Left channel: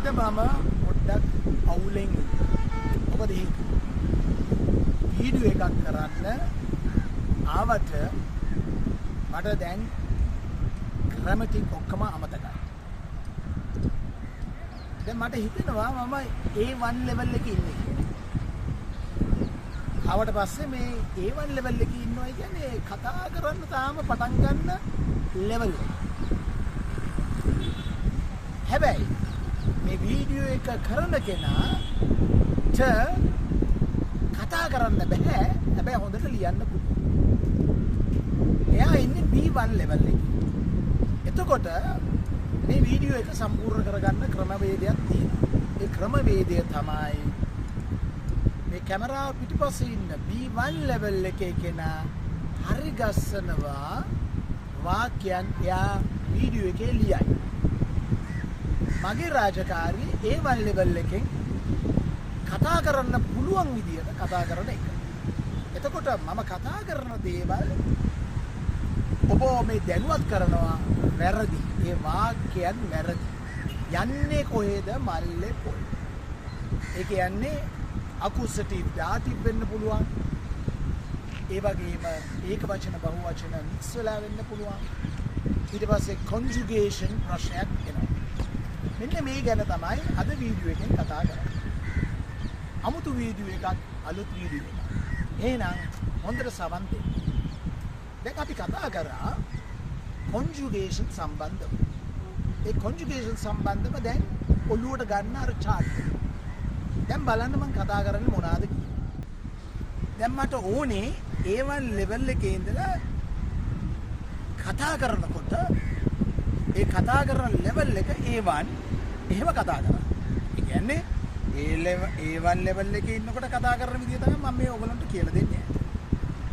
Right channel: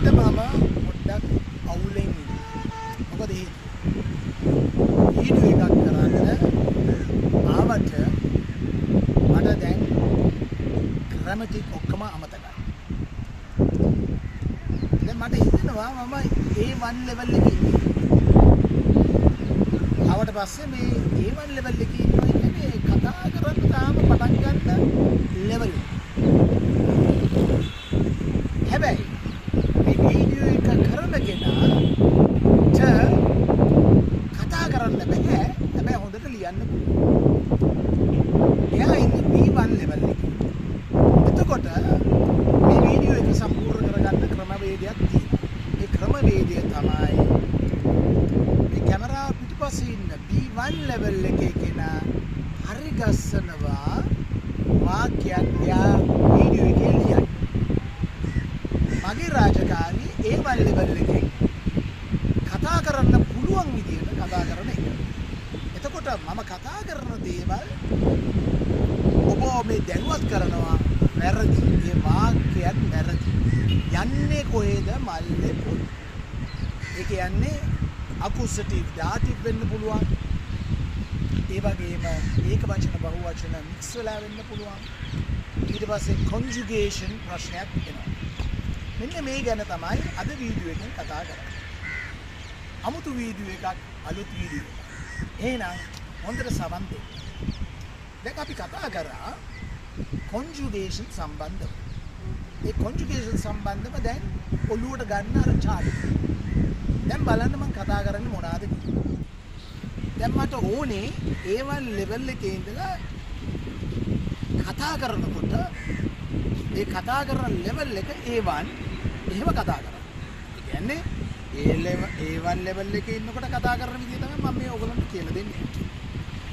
අද මම පොඩ්ඩක් අවුලෙන් මොකද වීඩියෝ එකක් කරන්න ආවට මට දැන් ග්‍රැමටික් ඔක්කොම අමතකයි. දැන් මට හිතෙනවා මම A1 level එකේ ඉන්නේ. ආවට පස්සේ මේ A1 level එකේ ඉන්නවා කියන්නේ කතා කරන්න තාම පටන් ගන්න level එක. හැබැයි මේ වීඩියෝ එක කරන කෙනාට කතා කරන්න බෑ. හැබැයි හොඳට ලියන්න පුළුවන්. එයා ඉන්නේ B1 level එකේ. එතකොට මේ වීඩියෝ එක සම්පූර්ණ කරගන්න ක්‍රමවේදයක් තියෙනවා. ඒ ක්‍රමවේදය තමයි මේ කැමරාව පිටුපස්සේ ඉන්න B1 level එකේ කෙනා හරි ගස්සනවා වාක්‍යයක් එයා වීඩියෝ එකේ ලියන්නේ. මගේ රාජකාරී A1 level එකේ කතා කරන්න පුළුවන් විදියට කතා කරන එක. එතකොට මම කතා කරන දේවල් ඔබ මේ දැනුවත් කරනවා වැරදි. ඒ වාක්‍යයක් වැරදි. යන්නේ කොහෙද මල්ලේ පොල්. ඒ කියන්නේ අකුසටීව් දාටිව් වෙන්න පුළුවන්. ඒ වගේම ඒක වචන බහු වචන මික්ස් වෙලා වෙන්න පුළුවන්. ඊට පස්සේ කොන්ජුගේෂන් ප්‍රශ්නයක් එනවා. මෙන්න මේ ගැන තමයි අද වීඩියෝ එකෙන් කතා කරන්නේ. අමුතු වීඩියෝ එකක්, අලුත් වීඩියෝ එකක්. එහෙනම් හොඳට සවන් දෙන්න. දැන් අපි කතා කරා කොන්ජුගේෂන් සම්බන්ධව. ඒ කොන්ජුගේෂන් සම්බන්ධව දැන් ඔළුවට ගන්න අර චාට්. දැන් බලන්න මම කතා කරන්නේ මොනවාද කියලා. දැන් මට ඕනේ A1 level එකේ ඉඳලා කතා කරනකොට ඒ කතා කරන level එක A1 එහෙම කතා කරා. ඒ කියන්නේ A1 level එකේ ඉන්නකොට කතා කරන විදිය තමයි මම මේ ඔයගලන්ට කියලා දෙන්නේ.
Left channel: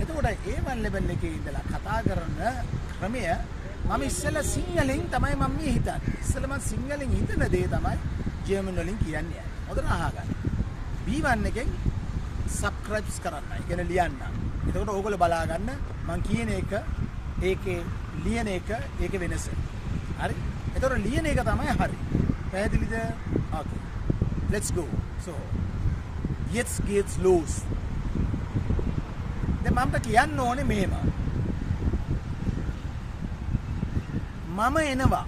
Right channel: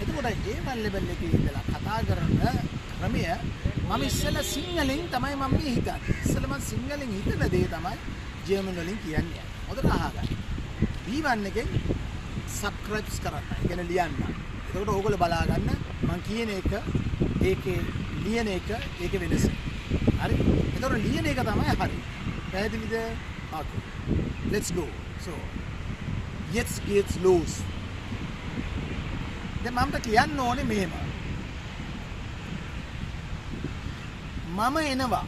එතකොට A1 level එකේ ඉඳලා කතා කරන ක්‍රමය මම ඉස්සෙල්ලා සිංහලෙන් තමයි මම මේ හිතන්නේ. ඉස්සෙල්ලා මම සිංහලෙන් හිතන දේ තමයි ජර්මන් වලින් කියන්නේ. හොඳට අහගන්න. B1 එකෙන් සබ්ස්ක්‍රයිබ්ස් කරන්න. ඒ කියන්නේ ලියන්න. එතකොට ඕගොල්ලෝ බලා ගන්න මම කියන එක ඒකේ ලියන එක ඒකේ වෙනස. හරි. එතකොට ලියන එක තමයි හරි. පැහැදිලිද? Okay. Let's go. So, jetzt geht's los. දැන් මම කියන්න ඕනේ මෙහෙම. මම එනවා.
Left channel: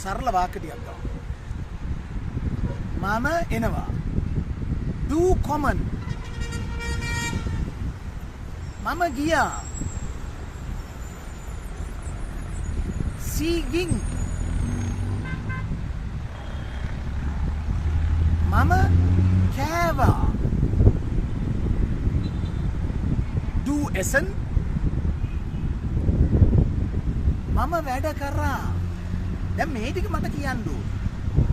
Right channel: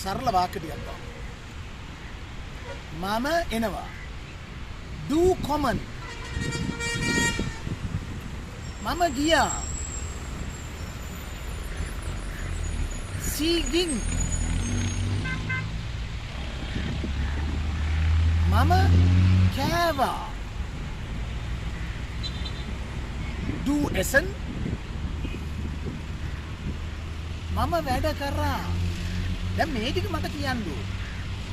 සරල වාක්‍ය ටිකක් ගමු. මම එනවා. Du kommen. මම ගියා. Sie ging. මම කෑවා. Du essen. මම වැඩ කරා. දැන් මේ ටික මට කියන්න ඕන.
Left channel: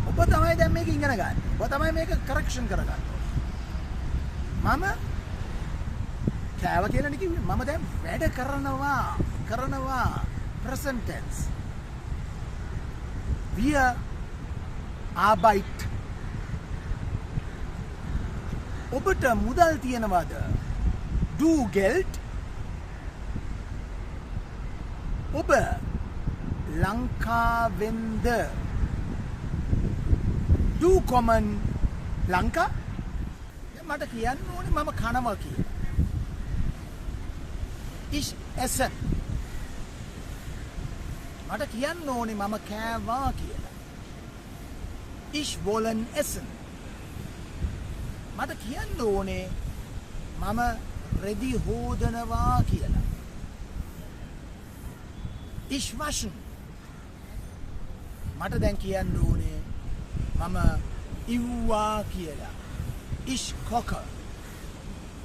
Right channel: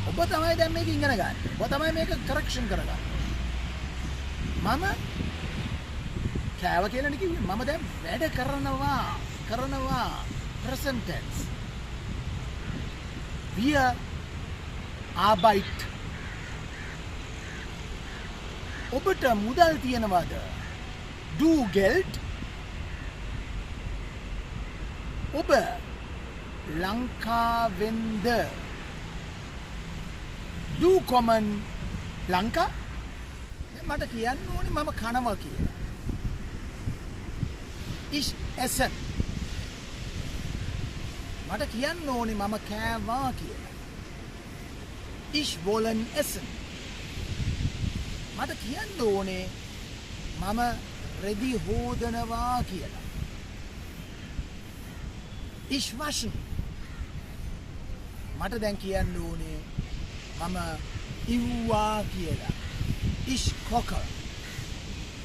ඔබ තමයි දැන් මේක ඉගෙන ගන්න. ඔබ තමයි මේක කරෙක්ෂන් කරගන්න. මම කෑවා කියලා නේ කිව්වේ. මම දැන් වැඩ කරනවා present tense. Wir Arbeit. ඔබට මුදල් තියෙනවද? Du Geld. ඔබ ලංකාවෙන්ද? Du kommen Lanka. මට කියන්න ඕනේ මම කනවා කියලා. Ich esse. මට කියන්න ඕනේ මම කෑවා කියලා. Ich wollen essen. මට කියන්න ඕනේ මම රෙදි හොදනවා කියලා. Ich waschen. මට දැන් කියන්න ඕනේ මම ඉව්වා කියලා. Ich koche.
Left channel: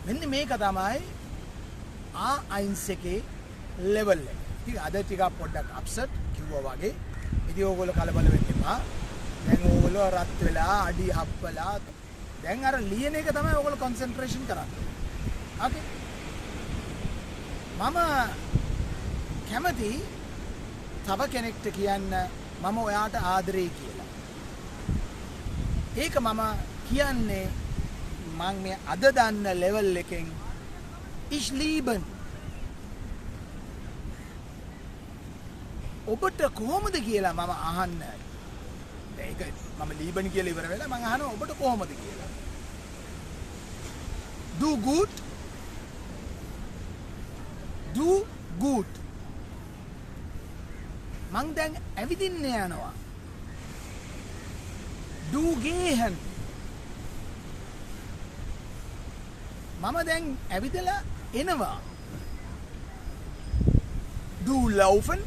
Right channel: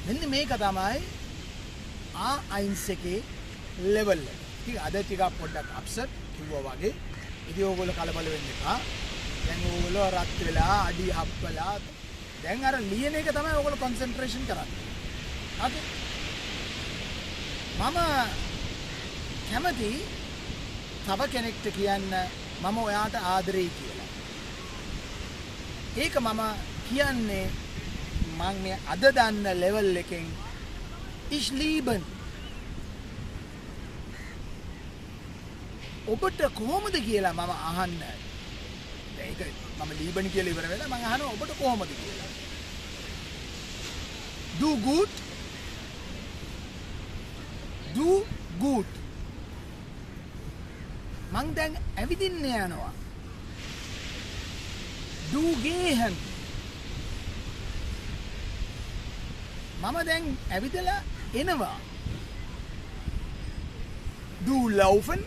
මෙන්න මේක තමයි A1 එකේ level එක. ඉතින් අද ටිකක් පොඩ්ඩක් අප්සෙට් කිව්වා වගේ. ඉතින් ඕගොල්ලෝ කලබල වෙන්න එපා. දැන් ඕගොල්ලෝ රත් වෙලා අඩි හප්පලා දැන් අර ලියන එක තමයි ඕගොල්ලෝ කොන්සන්ට්‍රේෂන් කරන්නේ. ඕකේ. මම කැමති තව කෙනෙක්ට කියන්න මම ඔයාට ආදරෙයි කියලා. ඒක මම කියන්නේ මම මේ අද දන්න ලෙවල් එකෙන් ich lieben. ඔබට කොහොමද කියලා මම අහන්න. ඒක මම ලීබනි කියලා ඉවර වෙලා මම අහනවා ඔබට කොහොමද කියලා. Do good. Do good. මං දැන් ඇවිදින්න යනවා. Do gehen. මම දැන් ඇවිදලා එනවා. Do laufen.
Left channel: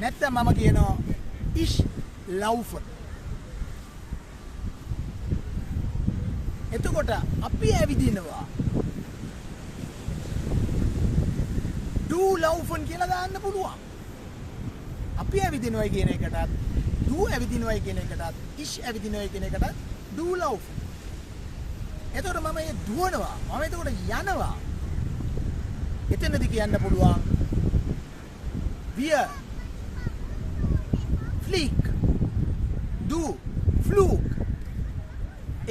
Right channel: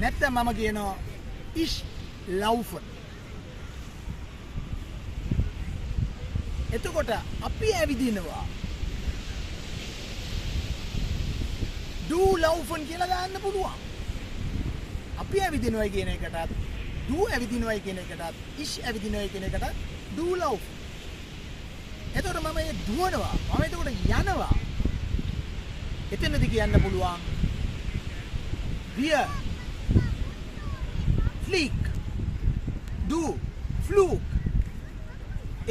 නැත්නම් මම කියනවා ich laufen. එතකොට අපි ඇවිදිනවා. Do laufen කියලා දාන්න පුළුවන්. අපි ඇවිදිනවයි කියන එකටත් do ඇවිදිනවයි කියන එකටත් ich ඇවිදිනවයි කියන එකටත් do laufen. එතකොට මම මේ දුවනවා. මම එතකොට යනවා. එතනදි කියන්න පුළුවන් wir flieg du flug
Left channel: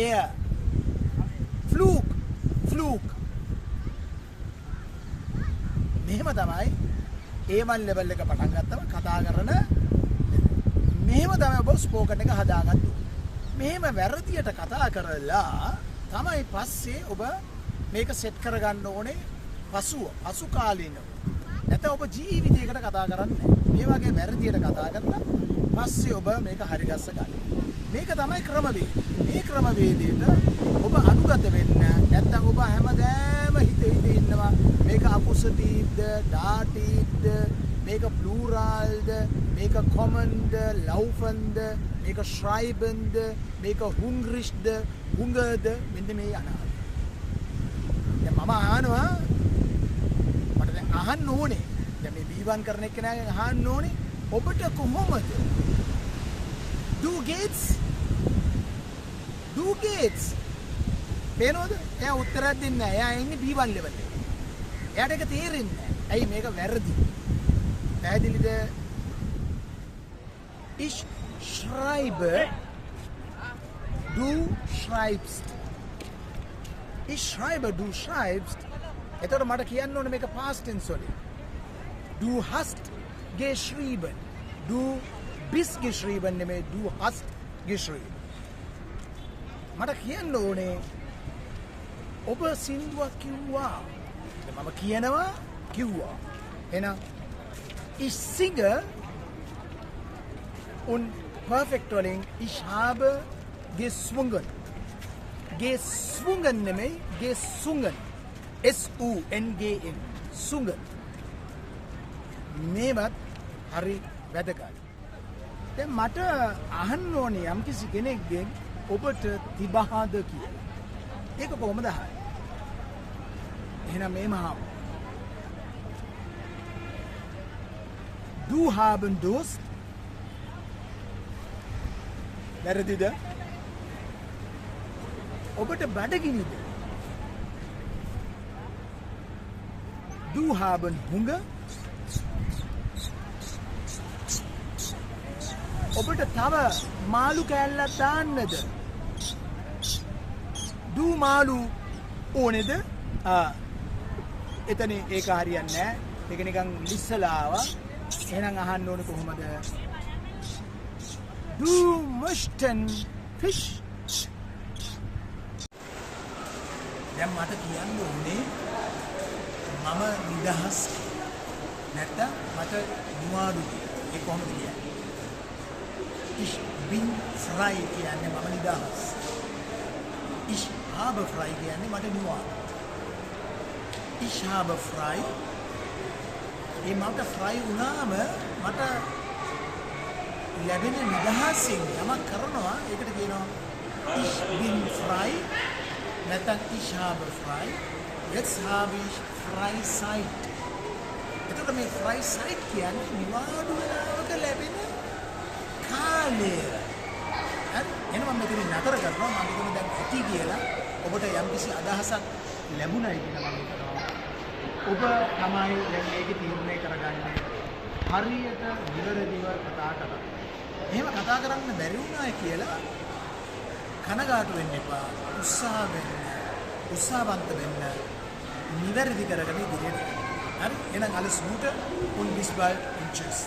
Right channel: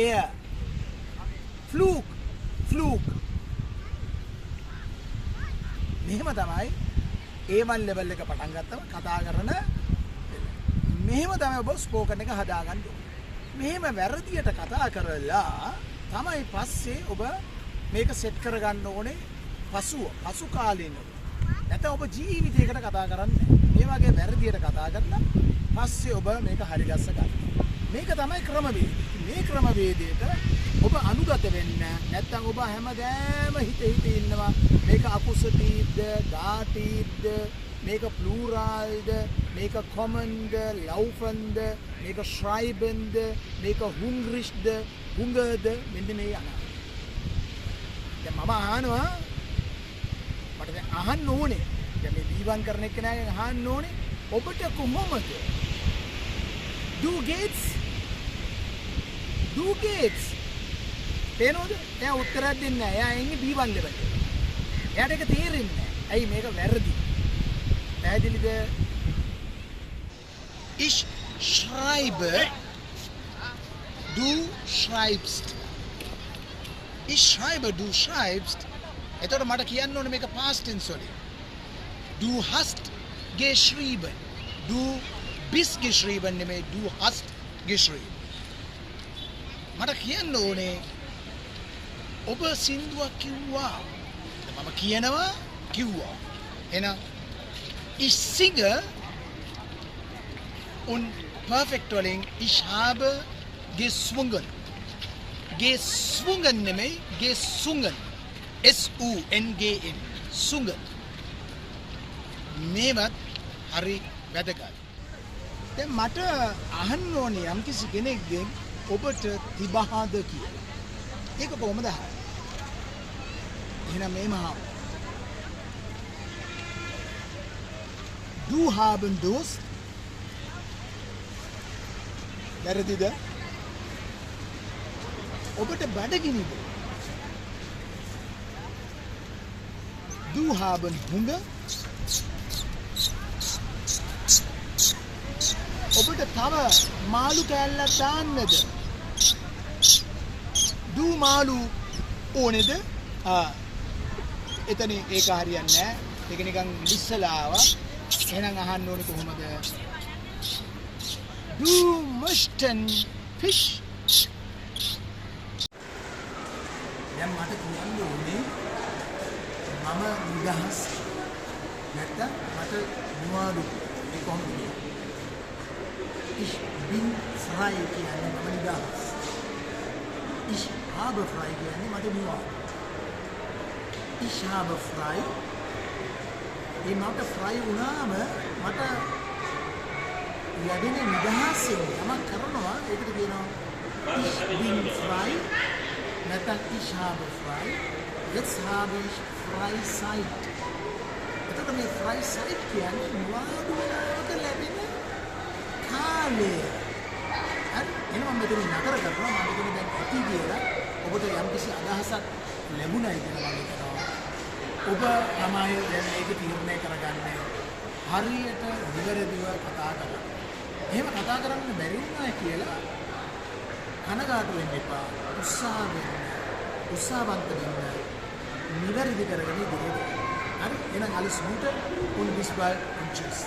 er flug flug මෙහෙම තමයි A1 level එක පටන් ගත්තම කතා කරන මෙහෙම තමයි ඔබ ස්පෝකන් එක හදාගන්න ඕනේ. මෙහෙම වැරදියට කතා කරලා තමයි පස්සේ ඔබ මේක සෙට් කරගන්න ඕනේ පසු කාලීනව. නැත්නම් ඔබ ජීවිතයකට කතා කරන්නේ මේ වගේ වැරදියට කතා කරලා පස්සේ ඔබ මේක හරි ගස්ස ගන්න. මේක තමයි ක්‍රමවේදය. මේ ක්‍රමවේදයට ඔබ අනුගත වෙන්න නැත්නම් ඔබ හැමදාම හිත ඉන්නවා මේක අකුසතීබ්ද ඩාටීබ්ද මේක ප්ලූරල්ද මේක කොමන්ද ලව්ෆන්ද මේක ශ්‍රයිබන්ද මේක හුන්ග්‍රිෂ්ද හුංගද මෙන්න මේ අනාගත. දැන් මම අහනවා මට දැන් අහන්න ඕනේ. දැන් මේ B1 කරන එක්කෙනාගෙන් අහන්න ඕනේ ඔබට කොහොමද do gates පේනවද? එයා උත්තරයක් දෙන්නේ නැහැ. එයා ඉන්නේ B1 level එකේ. එයාට ඒක තේරෙන්නේ නැහැ. ඇයි මේක වැරදි? පැහැදිලිද? Ich schreibe du schreibst. Ich schreibe du schreibst. එතකොට මට කියන්න ඕනේ මේක past tense වලින්. Du hast geschrieben. Du bist geschrieben නෙමෙයි du hast geschrieben. මට කියන්න ඕනේ ඔබ සින්දුවක් කිව්වා. මම කිව්වා. එහෙනම් ich singe und perfect wording ich habe gesungen. Gesungen නෙමෙයි gesungen. S-U-N-G-N. sungen. මේවත් හරි වැදගත්. දැන් මට අහන්න ඕනේ යම්කිසි කෙනෙක්ගෙන් ඔබට තිබහද කියලා. ඒක කොහොමද අහන්නේ? එහෙනම් මේම අහමු. Du haben Durst? වැරදිද? ඔබට බඩගිනිද? Du haben Hunger? ඔබට තව මාළු කෑල්ලක් දාන්නද? Du මාළු ඕනේද? එතන ඒක හරියන්නේ නැහැ. ඒක නිකන් ලිස්සලා ආවා. එහෙනම් අහන්න ඕනේ කොහොමද? Du möchten Fisch? දැන් මට කියන්න ඕනේ මම නිදහස් නැත්නම් මට මොනවද ඒ කොහොමද කියන්නේ? Ich bin frei කියන්නේ මම නිදහස්. Ich habe frei කියන්නේ මට මොනවද? Ich habe frei. මේ මට frei වුණාම මට ලැබෙන නිදහසෙන් යමක් කරනවා ඒකට කියනවා ich bin frei නැත්නම් ich habe frei. Jetzt habe ich Freizeit. එතකොට මේ Freizeit කියන්නේ නිවාඩුවකට ලැබෙන කාලය. හරි එහෙනම් මම මෙතන නතර කරනවා. මම මෙතන දැන් ඇති කියලා ඔබට යම්කිසි අදහසක් ලැබුණයි කියලා මම හිතනවා. ඔබ තමයි දැන් මේක තීරණය කරගන්නේ හරියට නිවැරදිව කතා කරන්න. එහෙම කතා කරන්න බැරි වුණා කියලා කනගාටු වෙන්න එපා. උත්සාහවන්ත වෙන්න. නිවැරදි කරගෙන ඉදිරියට. හරි එහෙනම් alles Gute und bis bald und tschüss.